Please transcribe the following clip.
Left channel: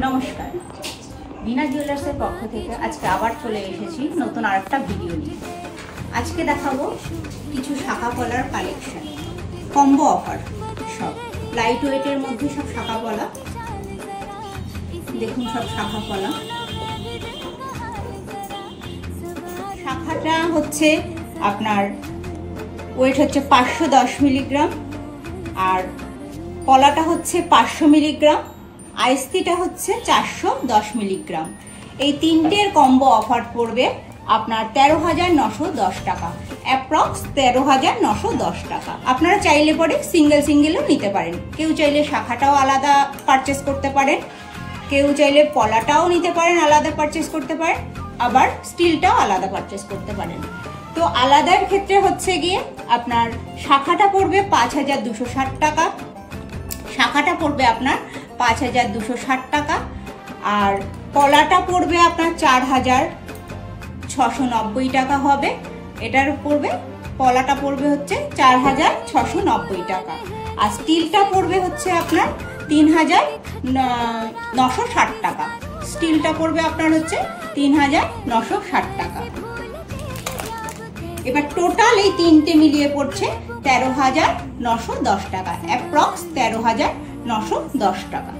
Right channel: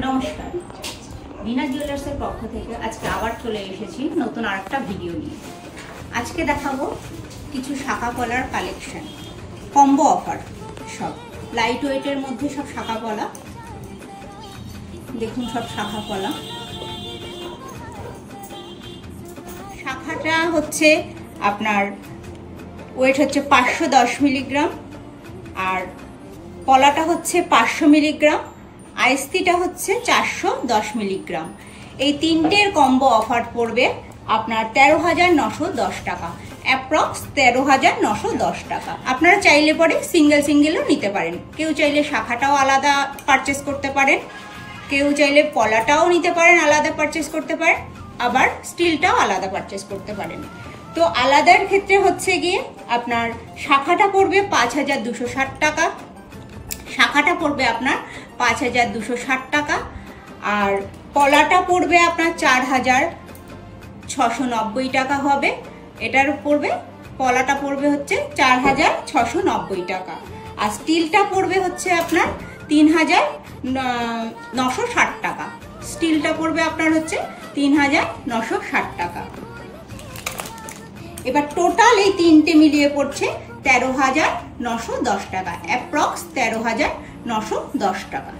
নমস্কার, রিনা জুয়েলার্সের পক্ষ থেকে আজকে আবার চলে এসেছি নতুন আরেকটা ভিডিও নিয়ে। আজকে দেখাবো কিছু শাখা পলার কালেকশন, কম্বো অফার, সব লাইট ওয়েটের মধ্যে সব শাখা পলা। দেখুন সব শাখা পলা। শাখাটা হচ্ছে আপনার ওয়েট হচ্ছে 510 মিলিগ্রাম, আর পলাটা হচ্ছে 500 মিলিগ্রাম, আইসিটা হচ্ছে 410 মিলিগ্রাম। এই তিনটের কম্বো অফার পড়বে আপনার 13,910 টাকা, অ্যাপ্রক্স 13,910 টাকা। আপনারা চাইলে পরে সিঙ্গেলও নিতে পারেন। কেউ চাইলে শাখাটাও আলাদা পারচেস করতে পারেন, কেউ চাইলে পলাটাও নিতে পারেন, আলাদা পারচেস করতে পারেন, আবার স্টিলটাও আলাদা পারচেস করতে পারেন। তো আলাদার ক্ষেত্রে হচ্ছে গিয়ে আপনার শাখাটা পড়বে 5,260 টাকা, শাখাটা পড়বে আপনার 5,260 টাকা, আর পলাটা পড়বে আপনার 4,690 টাকা হবে। এটার পড়বে, পলাটা পড়বে হচ্ছে 4,690 টাকা, আর স্টিলটা পড়বে হচ্ছে আপনার 3,960 টাকা। স্টিলটা পড়বে আপনার হচ্ছে 3,960 টাকা। এবার টোটাল এই তিনটে মিলিয়ে পড়ছে 13,910 টাকা, অ্যাপ্রক্স 13,910 টাকা।